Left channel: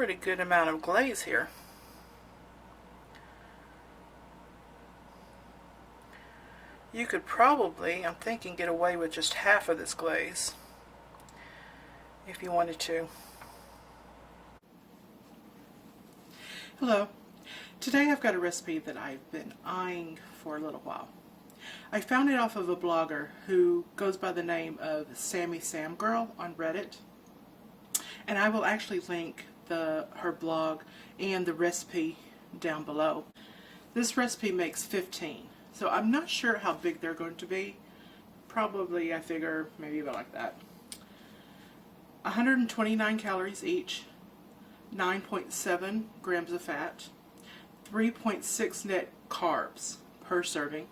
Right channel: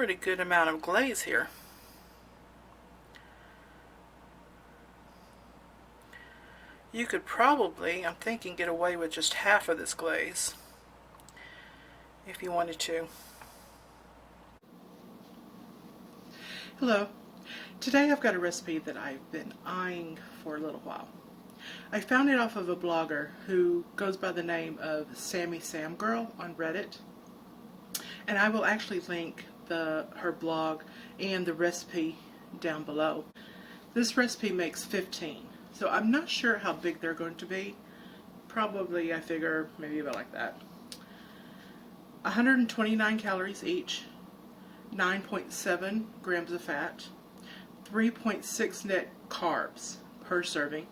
pretty good amount of glaze here. You could probably, I'm thinking, get away with just half of this glaze if you wanted to. Hello. Today I've got a recipe that I've been eyeing for a little while. I found it off of a blogger who goes by the name of Sammy Gurl on Reddit. And I will actually link her blog and the recipe down below. This recipe makes 15. So I'm not sure how big they're going to be. Probably, I figure, maybe about like that. 129 calories each, 9.7 grams of fat, 3.6 net carbs per serving,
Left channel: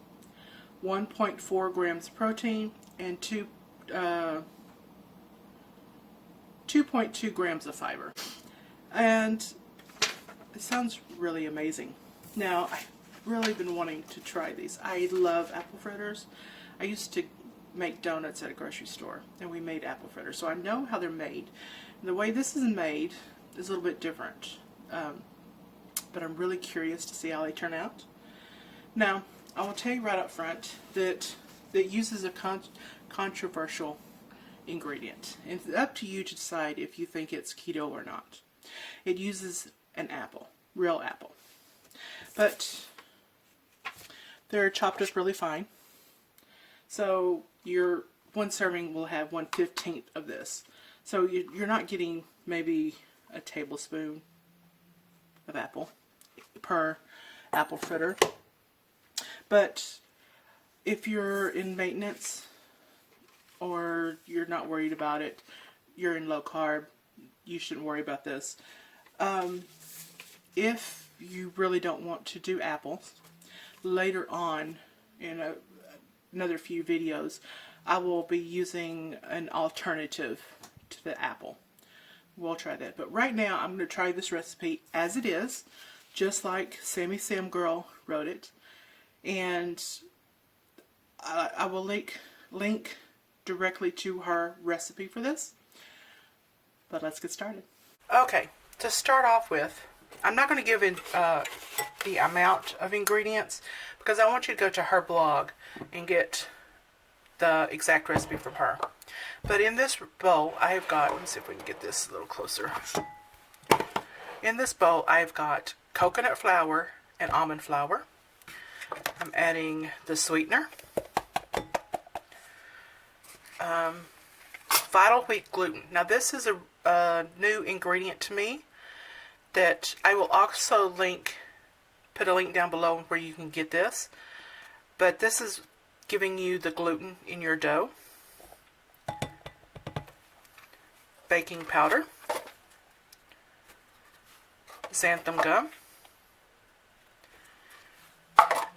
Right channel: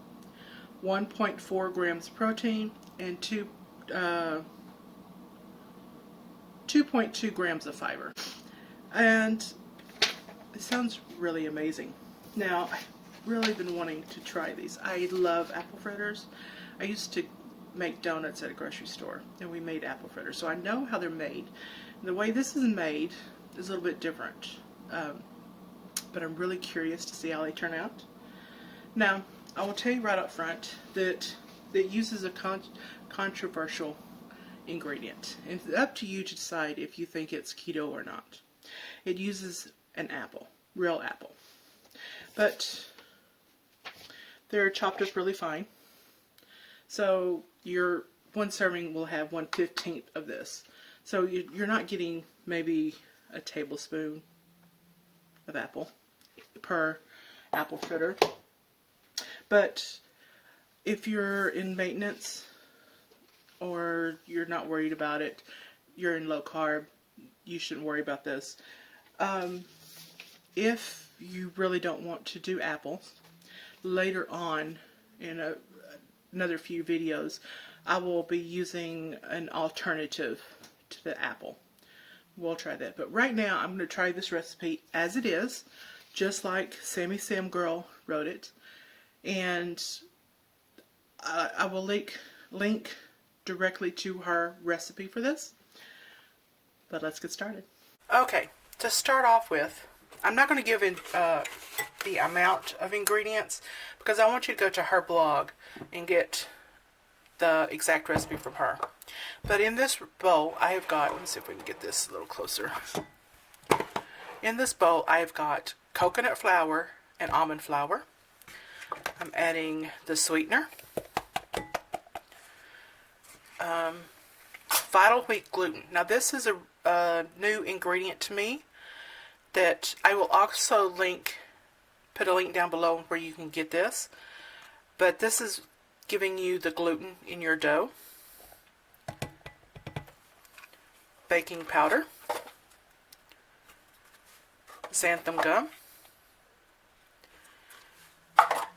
1.4 grams protein, and 2.2 grams of fiber. And it sounds really amazing. Now, I've really been wanting to try these. I love apple fritters. I used to make donuts at a grocery store, and we made apple fritters, so I know how they're made. The way this is made is a little bit different, but I'm really curious to see how they turn out. Now, I will tell you right up front that it uses a controversial ingredient. And it's up to you to decide if you think it's keto or not. It uses an apple, real apple. But they're chopped up really fine. So your one serving will have 1/15 of this. So you're not getting maybe a tablespoon of apple per apple fritter. But if you're in maintenance or you're not worried about it, you're in low carb, you shouldn't worry about this. If you really don't want to do apples, later on in another few videos, I will be using an alternative to the apple. We'll try that. But right now, I'm going to try this recipe as it is, just like Sammy Gurl wrote it. And I will link directly to her recipe for this. But let's get started. Okay, to start off with, I'm not going to give in the amount of ingredients because I want you to go to her blog and get the exact recipe from her. But in this bowl, I have got, let me see if we can get this a little closer. In this bowl, I've got coconut flour and almond flour. I'm adding the sweetener. Vital wheat gluten. Now this is a new ingredient to me that I will also put a link down below where you can get this. But this is giving you the gluten in your dough. Baking powder. Xanthan gum.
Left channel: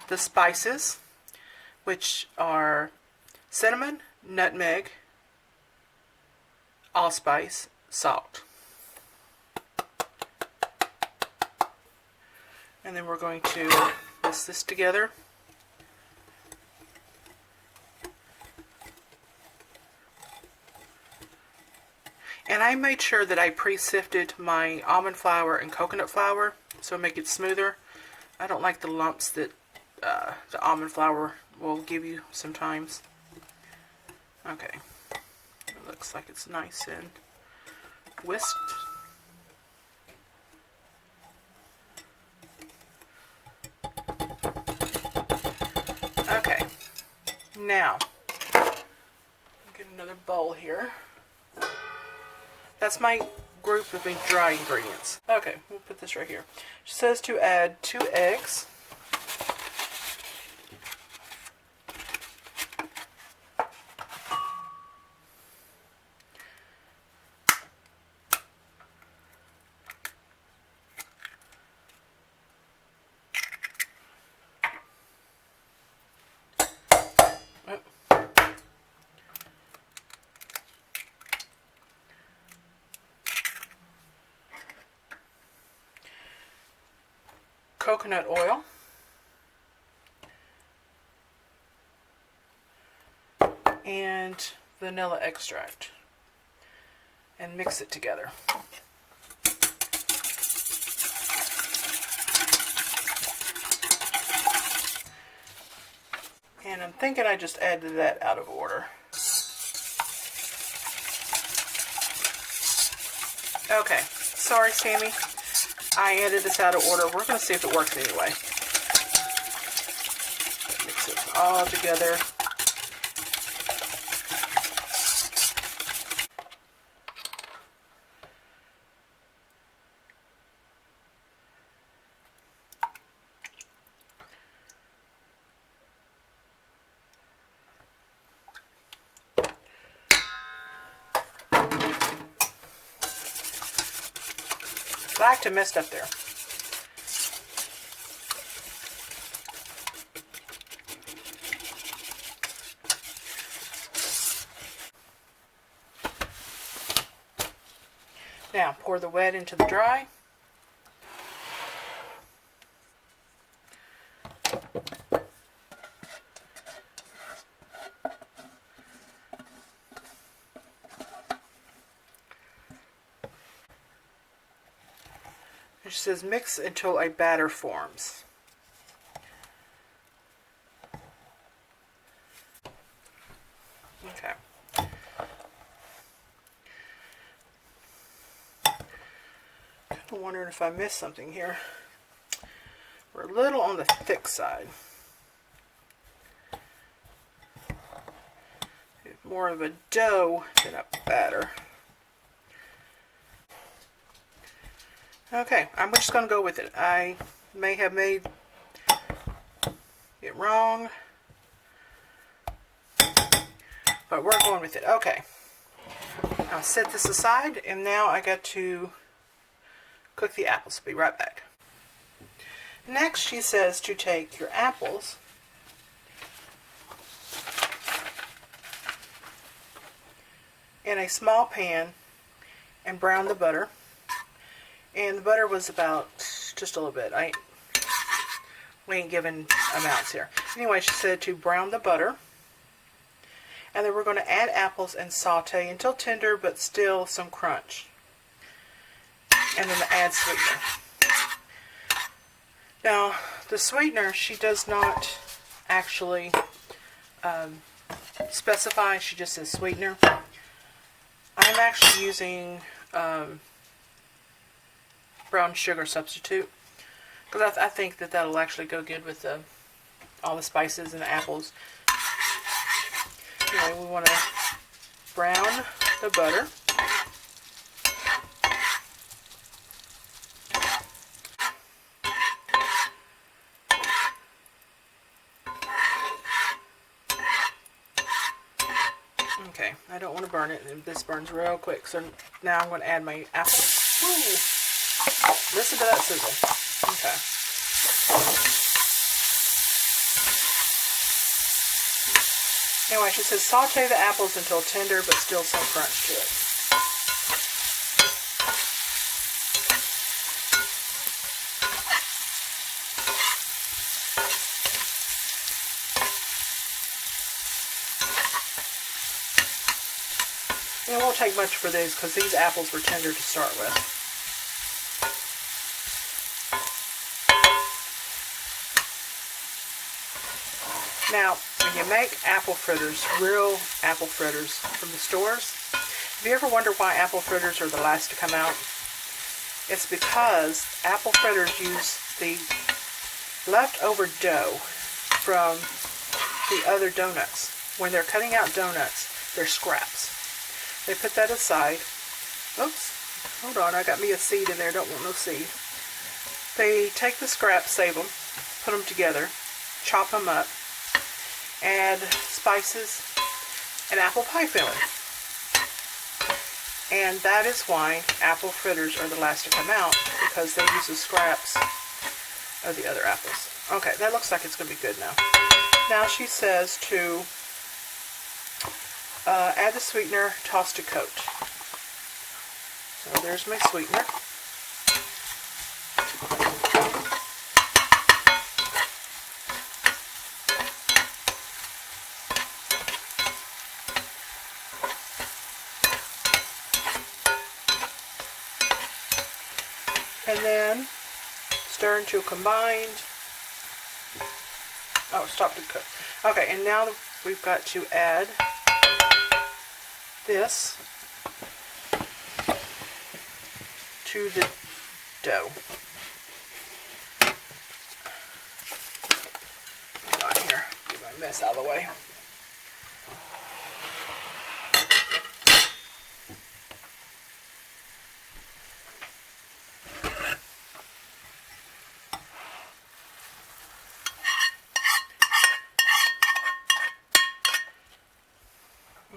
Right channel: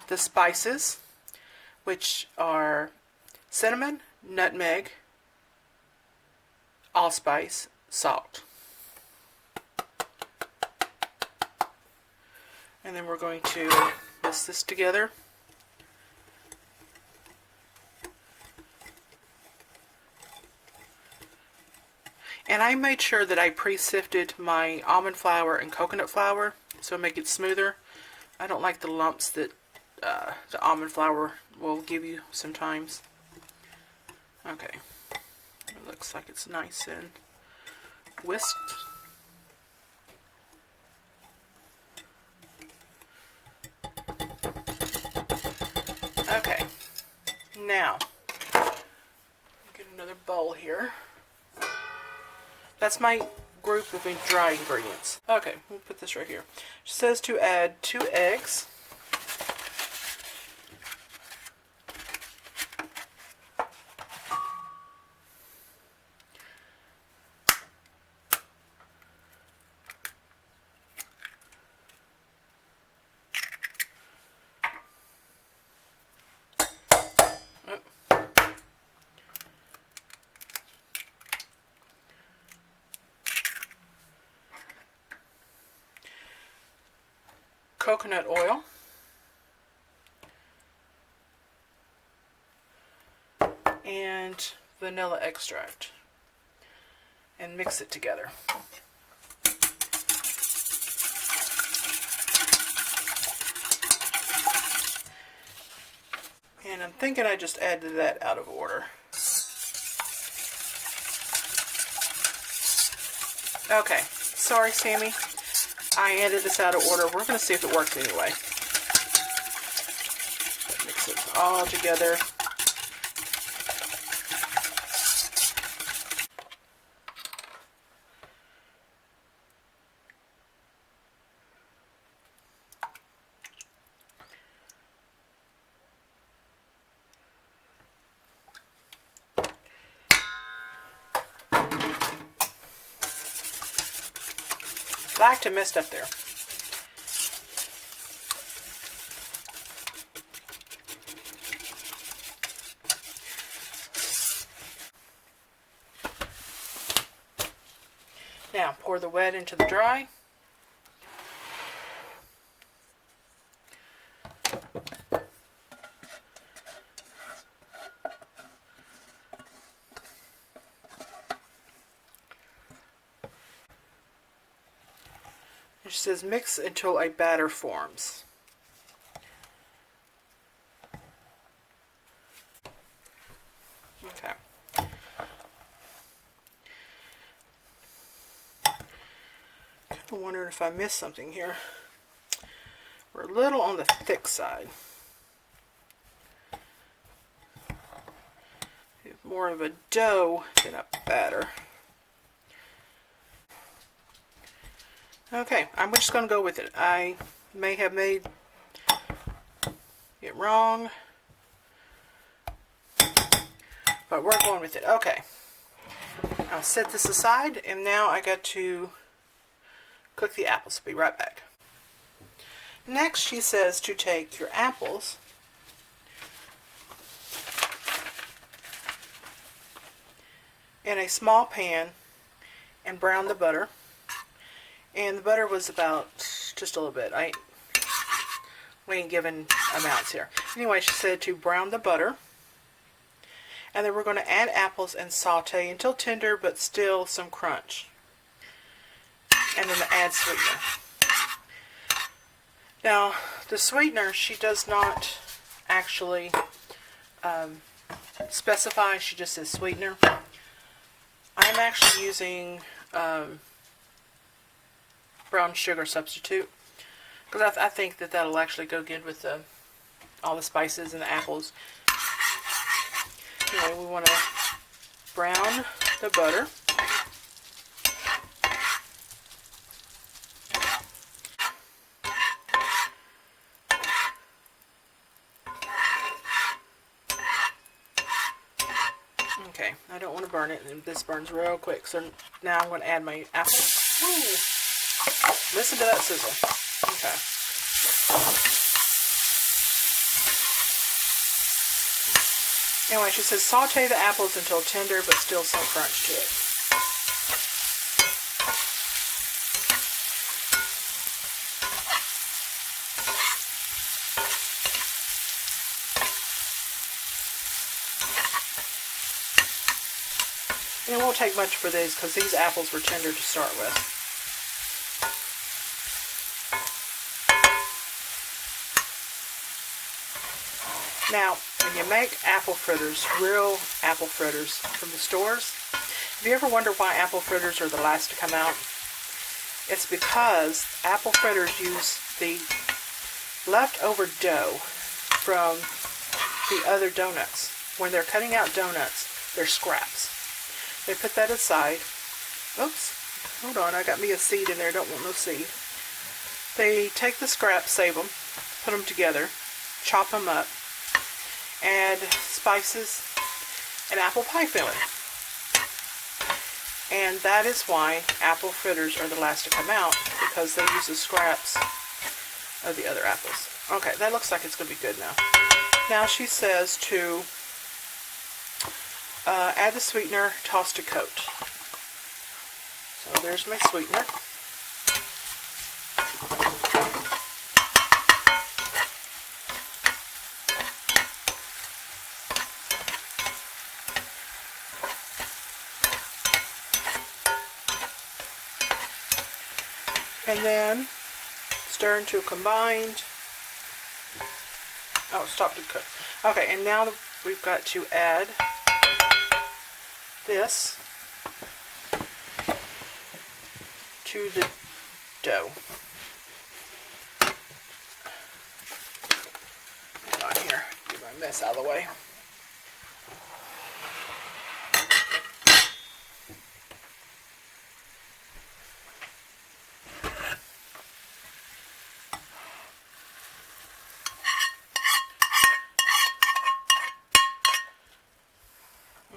The spices, which are cinnamon, nutmeg, allspice, salt. And then we're going to mix this together. And I made sure that I pre-sifted my almond flour and coconut flour so make it smoother. I don't like the lumps that the almond flour will give you sometimes. Okay. It looks like it's nice and whisked. Okay. Now, get another bowl here. That's my group of dry ingredients. Okay, we'll put this right here. It says to add 2 eggs. Coconut oil, and vanilla extract, and mix it together. And I'm thinking I just added that out of order. Okay, sorry Sammy, I added this out of order. We're going to see if it works anyway. Mix it all together. I like to mess up there. Now pour the wet into the dry. It says mix until a batter forms. Okay. I'm wondering if I missed something here. We're a little on the thick side. More of a dough than a batter. Okay, I'm just going to go with it. I may have made it wrong, but we're going with it. Okay, I'll set this aside, and now I got to cook the apples. Be right back. Next, she says to take your apples in a small pan and brown the butter. And the butter was about just a little bit. We ain't giving amounts here. Anyway, she said to brown the butter. And then we're going to add apples and saute until tender, but still some crunch. And then add sweetener. Now, the sweetener, she does not actually specify. She just says sweetener. I'm actually using brown sugar substitute, because I think that that'll actually go good with all the spices and the apples. Anyway, we want to brown the butter. Okay, I don't want to burn it, and this burns real quick. So now I'm going to add my apples. Woo! Listen to that sizzle. Okay. Anyway, she says saute the apples until tender, but still some crunch to it. And it won't take much for these, because these apples were tender to start with. Now, when you make apple fritters, real apple fritters from the stores, have you ever wondered why apple fritters are the last to come out? It's because apple fritters use the leftover dough from the other donuts. When they're cutting out donuts, they're scraps. They put that aside. Oops, hold on, I got me a seed in there, don't want no seed. They take the scraps, save them, put them together, chop them up, add spices and apple pie filling. And that is why apple fritters are the last to come out, because they use the scraps of the other apples. Okay, that looks like it's going to be good now. Now she says to add the sweetener, toss to coat. So there's my sweetener. And then stir into a combined, stop the cook. Okay, and now we've got to add this to the dough. Hang on here, get my mess out of the way.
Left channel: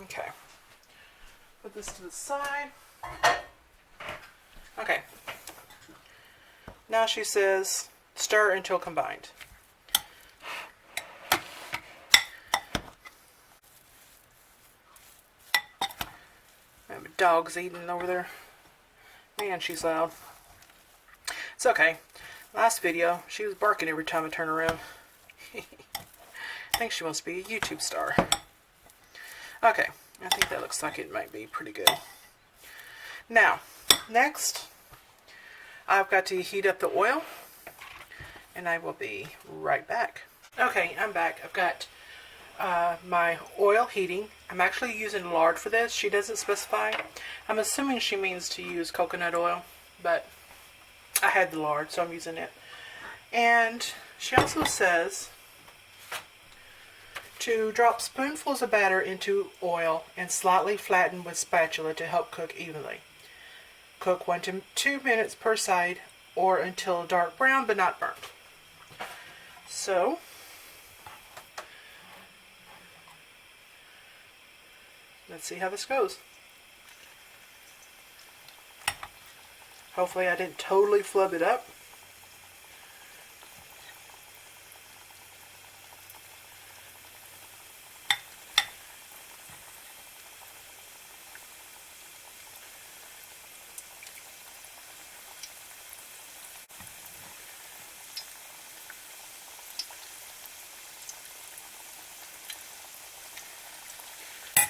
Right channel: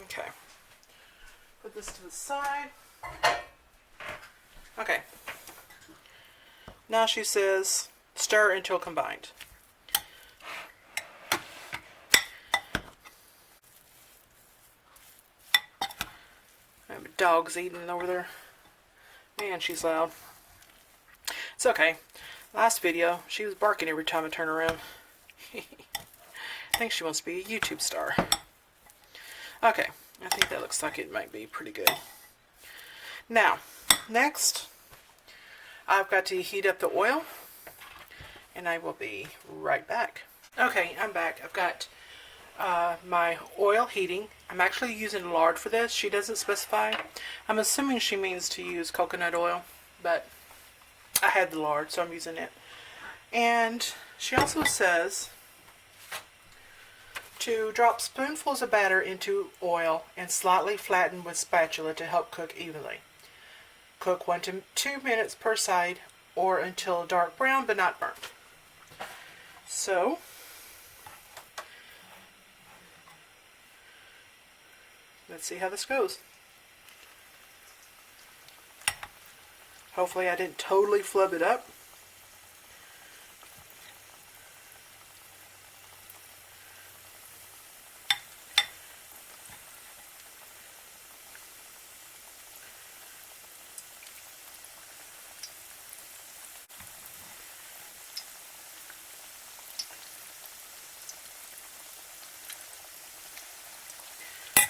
Okay, put this to the side. Okay, now she says stir until combined. My dog's eating over there. Man, she's loud. It's okay. Last video, she was barking every time I turn around. I think she wants to be a YouTube star. Okay, I think that looks like it might be pretty good. Now, next, I've got to heat up the oil, and I will be right back. Okay, I'm back. I've got my oil heating. I'm actually using lard for this. She doesn't specify. I'm assuming she means to use coconut oil, but I had the lard, so I'm using it. And she also says to drop spoonfuls of batter into oil and slightly flatten with spatula to help cook evenly. Cook 1 to 2 minutes per side or until dark brown but not burnt. So, let's see how this goes. Hopefully I didn't totally flub it up.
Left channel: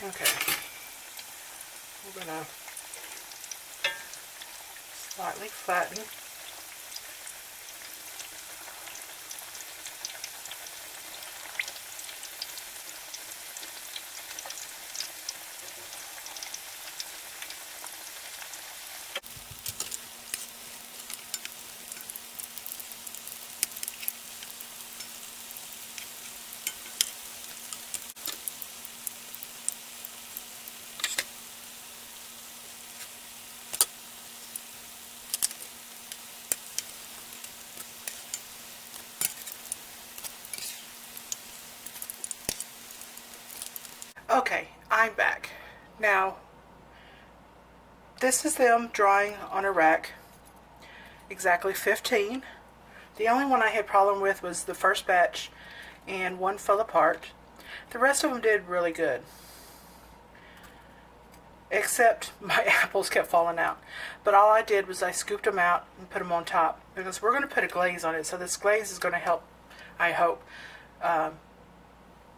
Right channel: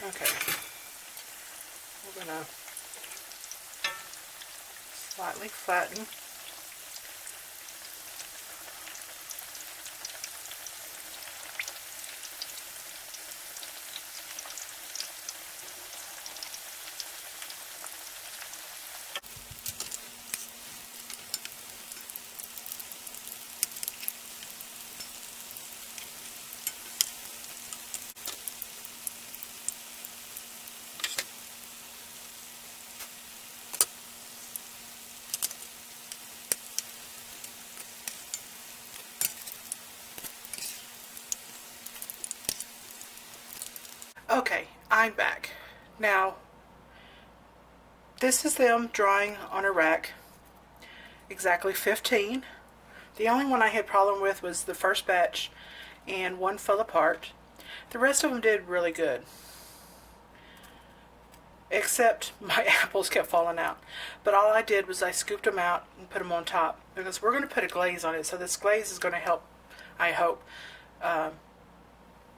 Okay, we're going to slightly flatten. Okay, I'm back. Now, this is them drying on a rack, exactly 15. The only one I had problem with was the first batch, and one fell apart. The rest of them did really good, except my apples kept falling out. But all I did was I scooped them out and put them on top, because we're going to put a glaze on it, so this glaze is going to help, I hope,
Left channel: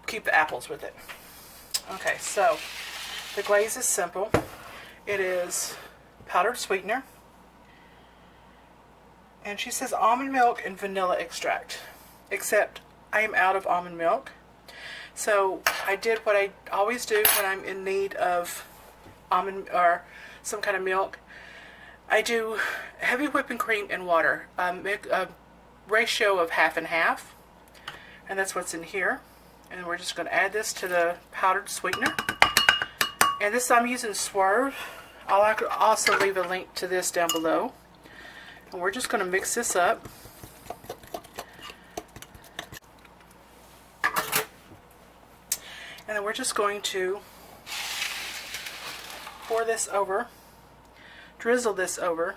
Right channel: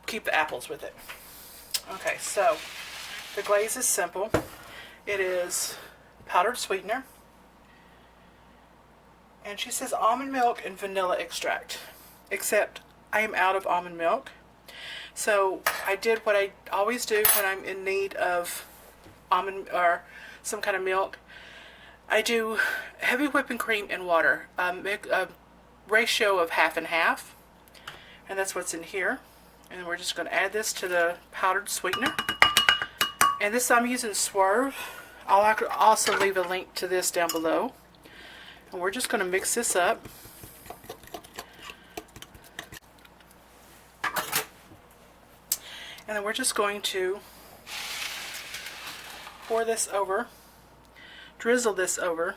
keep the apples with it. Okay, so the glaze is simple. It is powdered sweetener, and she says almond milk and vanilla extract, except I am out of almond milk. So I did what I always do when I'm in need of almond or some kind of milk. I do heavy whipping cream and water, a ratio of half and half, and that's what's in here. And we're just going to add this to the powdered sweetener. And this I'm using Swerve. I'll also leave a link to this down below. And we're just going to mix this up. And then we're just going to pour this over, drizzle this over.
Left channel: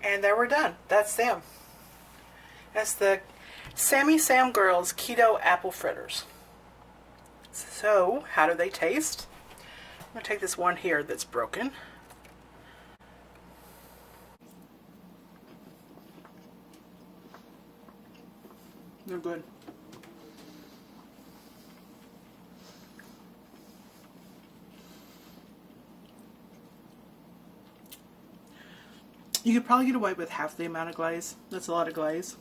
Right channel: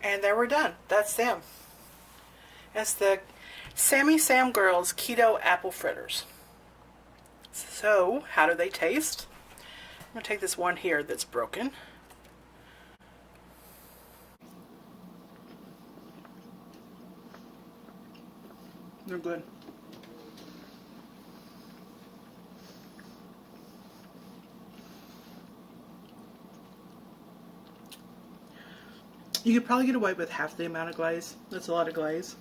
And there we're done. That's them. That's the Sammy Gurl's Keto Apple Fritters. So, how do they taste? I'm going to take this one here that's broken. They're good. You could probably get away with half the amount of glaze. That's a lot of glaze.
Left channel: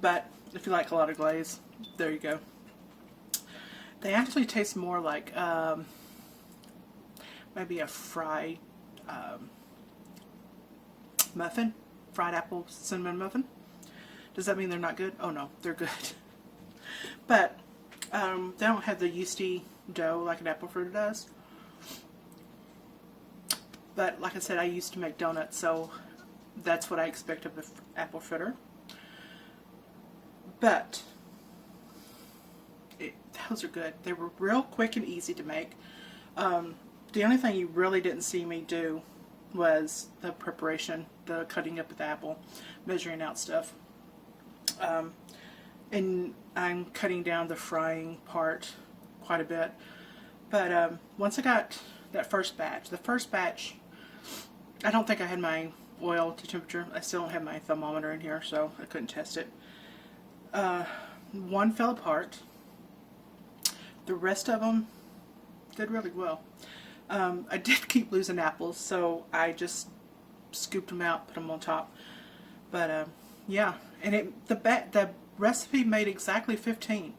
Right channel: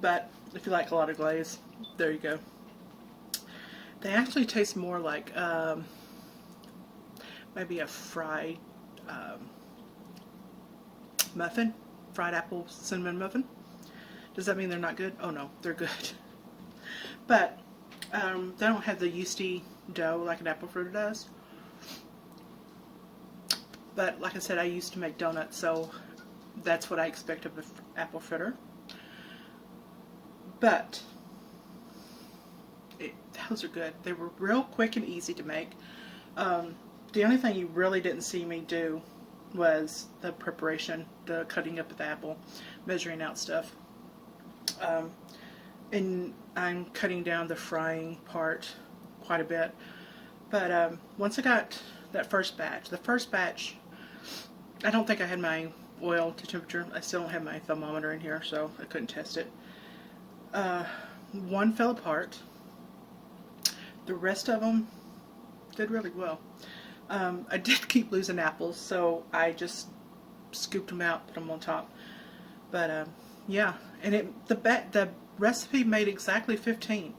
But if you like a lot of glaze, there you go. They actually taste more like maybe a fried muffin, fried apple cinnamon muffin. Does that mean they're not good? Oh no, they're good. But they don't have the yeasty dough like an apple fritter does. But like I said, I used to make donuts, so that's what I expect of an apple fritter. But those are good. They were real quick and easy to make. The only thing you really didn't see me do was the preparation, the cutting up of the apple, measuring out stuff. And I'm cutting down the frying part quite a bit. But once I got that first batch, I don't think I had my oil to temperature. I still don't have my thermometer in here, so I couldn't test it. One fell apart. The rest of them did really well. I did keep losing apples, so I just scooped them out, put them on top. But yeah, and the recipe made exactly 15.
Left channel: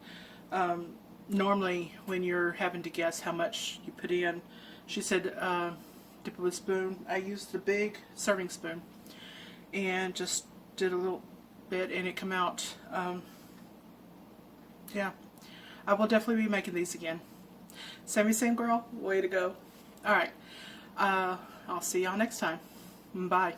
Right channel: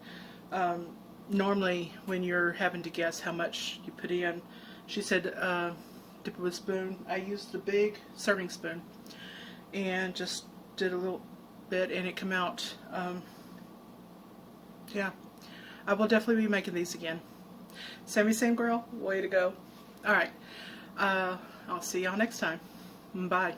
Normally, when you're having to guess how much you put in, she said dip it with a spoon. I used the big serving spoon and just did a little bit, and it came out. Yeah, I will definitely be making these again. Sammy, same girl, way to go. All right, I'll see y'all next time. Bye.